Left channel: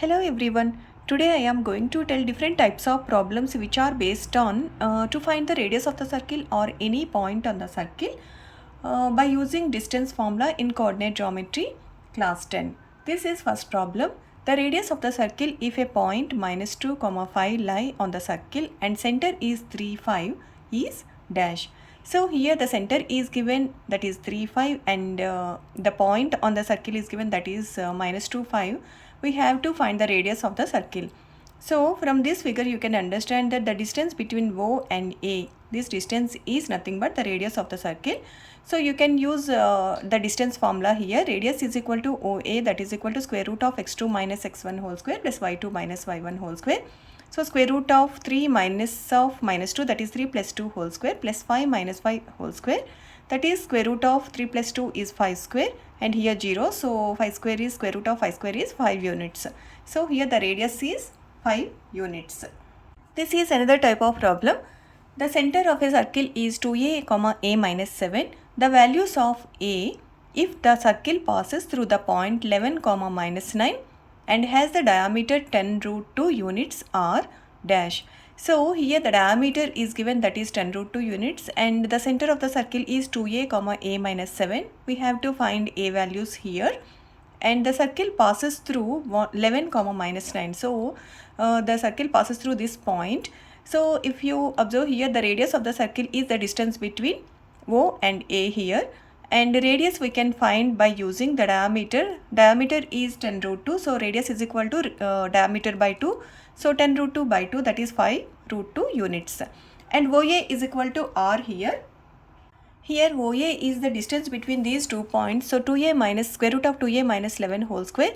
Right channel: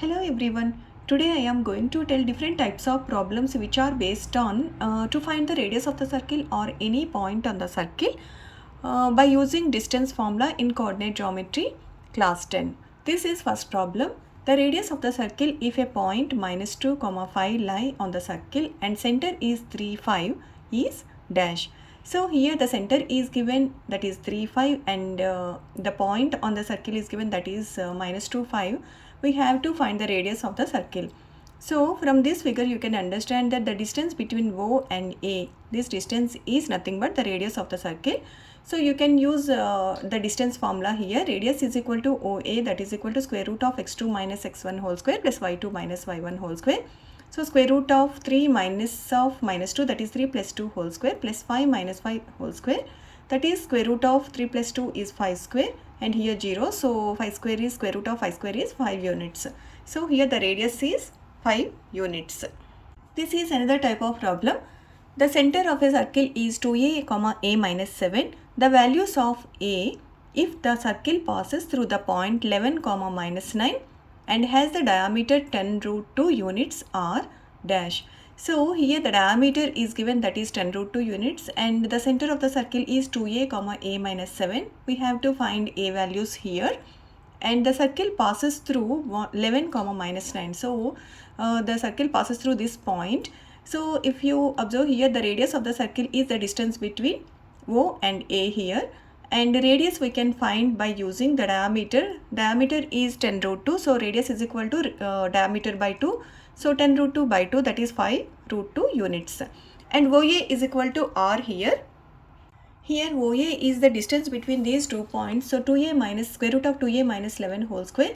Hello everyone. Today I am going to tell different types of problems which are based on to find the radius of the circle or any point on the circle by using distance formula in coordinate geometry class 10. This is first problem. The radius of the circle if a point -2, 5 lie on the circle and center is 3, 5 is dash. So here the center is given, that is 3, 5, and the point on the circle is given, that is -2, 5. We have to find the radius of the circle. So from this figure you can understand that the distance between O and A, this distance is nothing but the radius of the circle. So you can use the distance formula here. Radius is equal to OA, that is equal to square root of x2 minus x1 whole square plus y2 minus y1 whole square. So square root of 3 minus of -2, that is 3 plus 2 whole square plus 5 minus 5 whole square, that is square root of 3 plus 2 is 5 square, and here 0, so 5 square is square root of 5 square is 5 units. So here the radius is 5 units. This is another type of problem. The center of a circle is 2a, a minus 7. The values of a if the circle passes through the point 11, minus 9 and has the diameter 10 root 2 units are dash. So here the diameter is given, that is 10 root 2 units, and the center of the circle is 2a, a minus 7. We have to find a values here, and the circle passes through 11, minus 9. So the circle passes through this point. So if you observe here, the radius of the circle is the distance between O and A here, and radius we can find by using the diameter. Diameter is 10 root 2, so radius is equal to diameter by 2. So 10 root 2 by 2, that is 5 root 2 units. And OA is equal to R here. Here OA is the distance between these 2 points. So 2a minus square root of 2a minus 11 whole square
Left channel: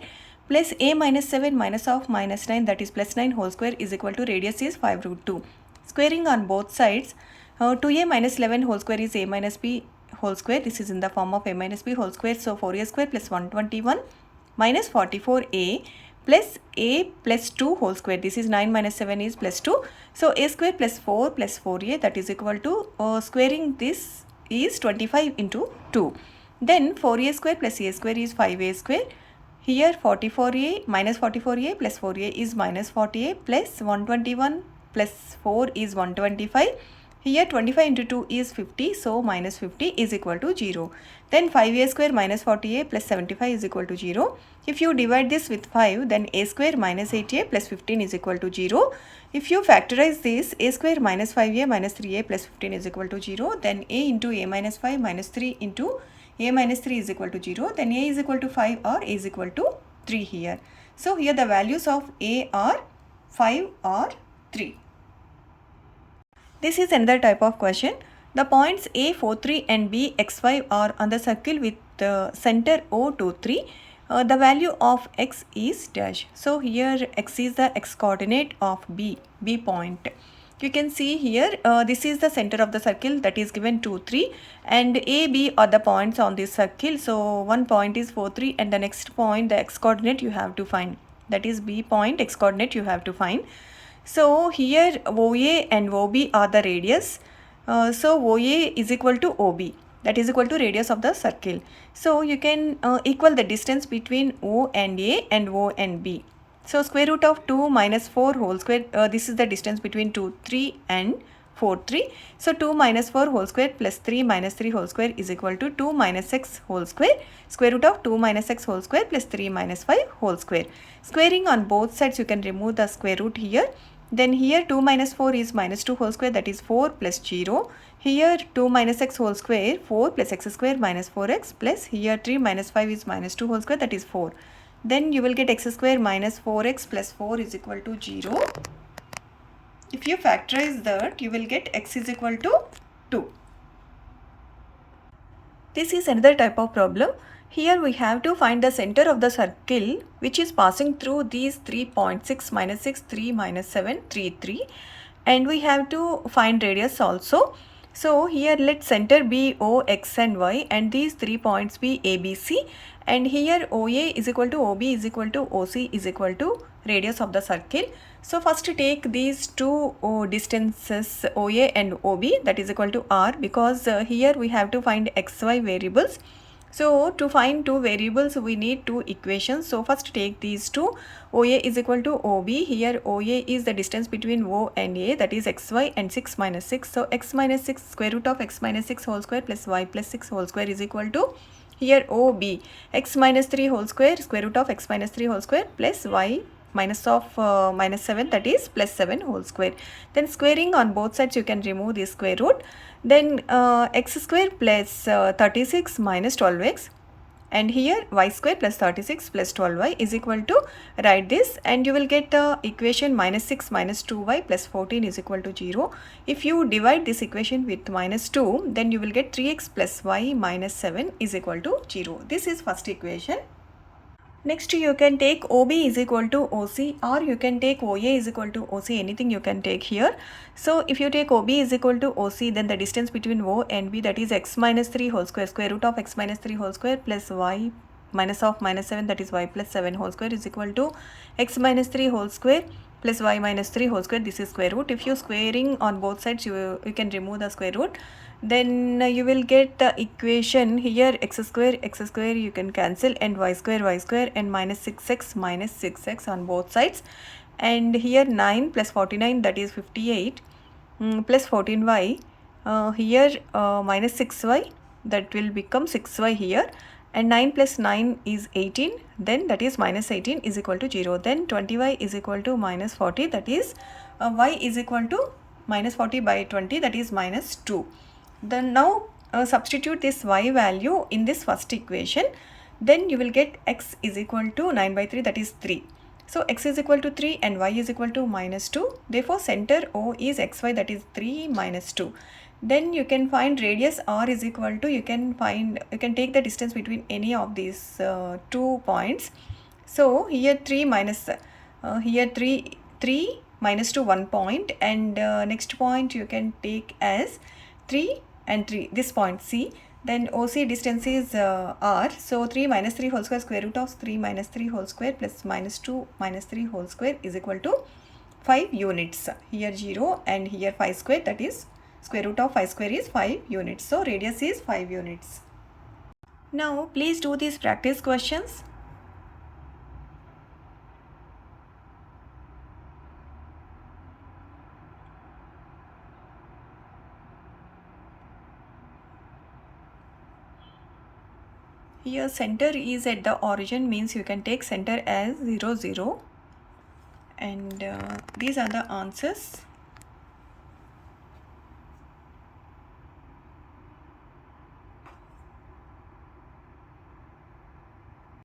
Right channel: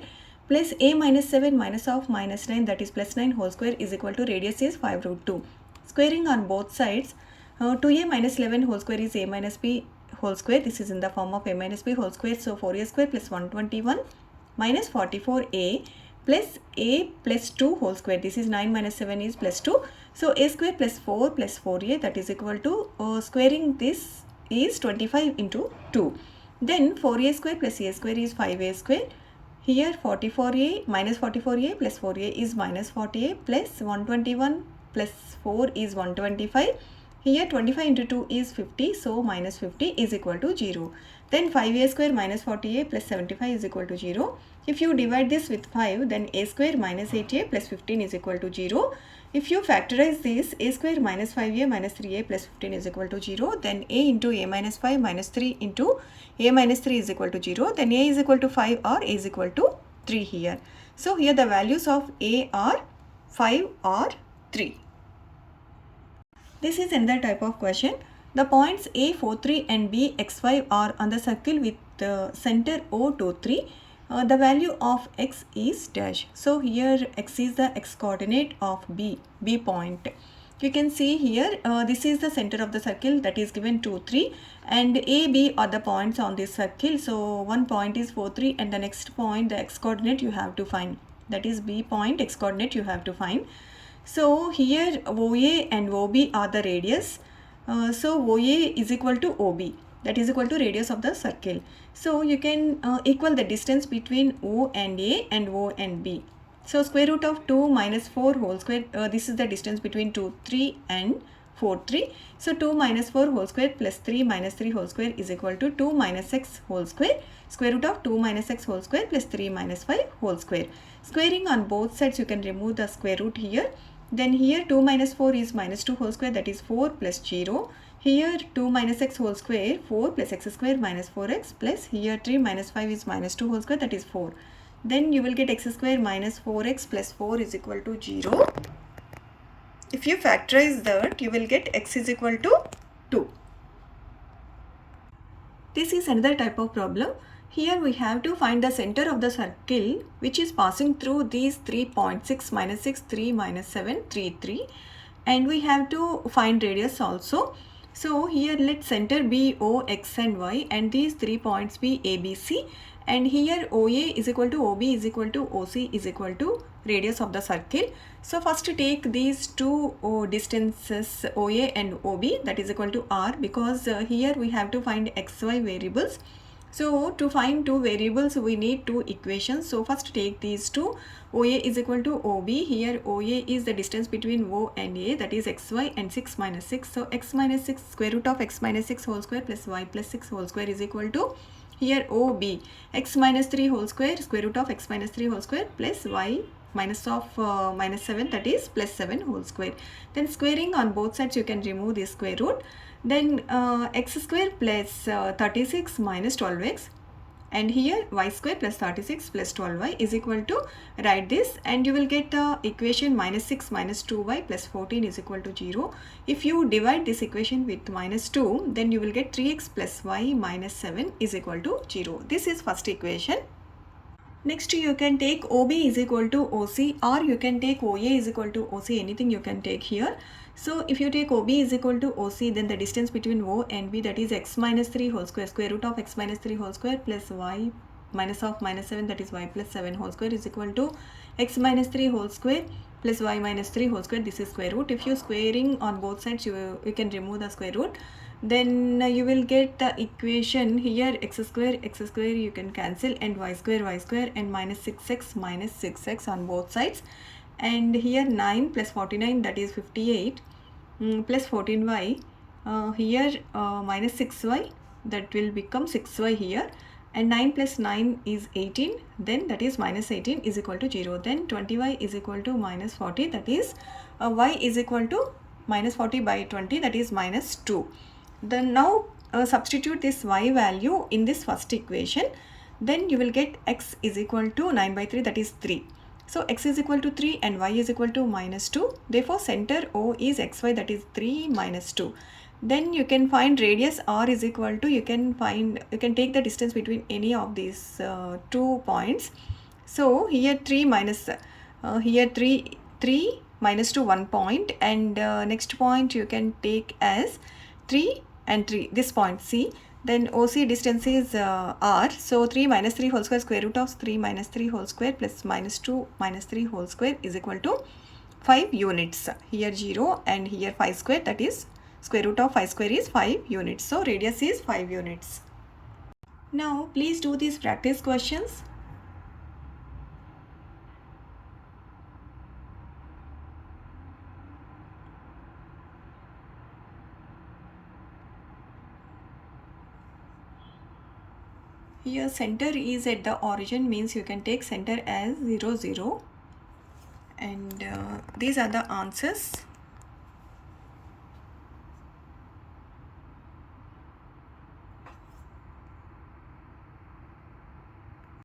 plus a minus 7 minus of minus 9, that is plus 9 whole square, is equal to radius is 5 root 2. Squaring on both sides, 2a minus 11 whole square is a minus b whole square. This is in the form of a minus b whole square. So 4a square plus 121 minus 44a plus a plus 2 whole square. This is 9 minus 7 is plus 2. So a square plus 4 plus 4a, that is equal to squaring this is 25 into 2. Then 4a square plus a square is 5a square. Here 44a minus 44a plus 4a is minus 40a plus 121 plus 4 is 125. Here 25 into 2 is 50, so minus 50 is equal to 0. Then 5a square minus 40a plus 75 is equal to 0. If you divide this with 5, then a square minus 8a plus 15 is equal to 0. If you factorize this, a square minus 5a minus 3a plus 15 is equal to 0. Then a into a minus 5 minus 3 into a minus 3 is equal to 0. Then a is equal to 5 or a is equal to 3 here. So here the values of a are 5 or 3. This is another type of question. The points A, 4, 3 and B, x, 5 are on the circle with the center O, 2, 3. The value of x is dash. So here x is the x coordinate of B point. You can see here this is the center of the circle, that is given 2, 3, and A, B are the points on this circle. So one point is 4, 3 and the next point, the x coordinate you have to find, that is B point x coordinate you have to find. So here OA and OB are the radius. So OA is equal to OB, that is equal to radius of the circle. So you can equal the distance between O and A and O and B. So square root of 2 minus 4 whole square, this is the distance between 2, 3 and 4, 3. So 2 minus 4 whole square plus 3 minus 3 whole square is equal to 2 minus x whole square. Square root of 2 minus x whole square plus 3 minus 5 whole square. Squaring on both sides, you can remove the square root here. Then here 2 minus 4 is minus 2 whole square, that is 4 plus 0. Here 2 minus x whole square, 4 plus x square minus 4x, plus here 3 minus 5 is minus 2 whole square, that is 4. Then you will get x square minus 4x plus 4 is equal to 0. If you factorize that, you will get x is equal to 2. This is another type of problem. Here we have to find the center of the circle which is passing through these 3 points, 6 minus 6, 3 minus 7, 3, 3, and we have to find radius also. So here let center be O, x and y, and these 3 points be A, B, C, and here OA is equal to OB is equal to OC is equal to radius of the circle. So first take these two distances OA and OB, that is equal to R, because here we have to find xy variables. So to find two variables, we need two equations. So first take these two. OA is equal to OB. Here OA is the distance between O and A, that is xy, and 6 minus 6. So x minus 6, square root of x minus 6 whole square plus y plus 6 whole square is equal to, here OB, x minus 3 whole square, square root of x minus 3 whole square plus y minus of minus 7, that is plus 7 whole square. Then squaring on both sides, you can remove the square root. Then x square plus 36 minus 12x, and here y square plus 36 plus 12y is equal to, write this, and you will get the equation minus 6 minus 2y plus 14 is equal to 0. If you divide this equation with minus 2, then you will get 3x plus y minus 7 is equal to 0. This is first equation. Next, you can take OB is equal to OC, or you can take OA is equal to OC, anything you can take here. So if you take OB is equal to OC, then the distance between O and B, that is x minus 3 whole square, square root of x minus 3 whole square plus y minus of minus 7, that is y plus 7 whole square is equal to x minus 3 whole square plus y minus 3 whole square. This is square root. If you squaring on both sides, you can remove the square root. Then you will get the equation here, x square you can cancel, and y square and minus 6x on both sides. And here 9 plus 49, that is 58, plus 14y, here minus 6y, that will become 6y here, and 9 plus 9 is 18, then that is minus 18 is equal to 0. Then 20y is equal to minus 40, that is y is equal to minus 40 by 20, that is minus 2. Then now substitute this y value in this first equation. Then you will get x is equal to 9 by 3, that is 3. So x is equal to 3 and y is equal to minus 2. Therefore center O is xy, that is 3 minus 2. Then you can find radius R is equal to, you can take the distance between any of these 2 points. So here 3 minus 3 minus to 1 point, and next point you can take as 3 and 3, this point C. Then OC distance is R. So 3 minus 3 whole square, square root of 3 minus 3 whole square plus minus 2 minus 3 whole square is equal to 5 units. Here 0 and here 5 square, that is square root of 5 square is 5 units. So radius is 5 units. Now please do these practice questions. Here center is at the origin, means you can take center as 0 0, and these are the answers.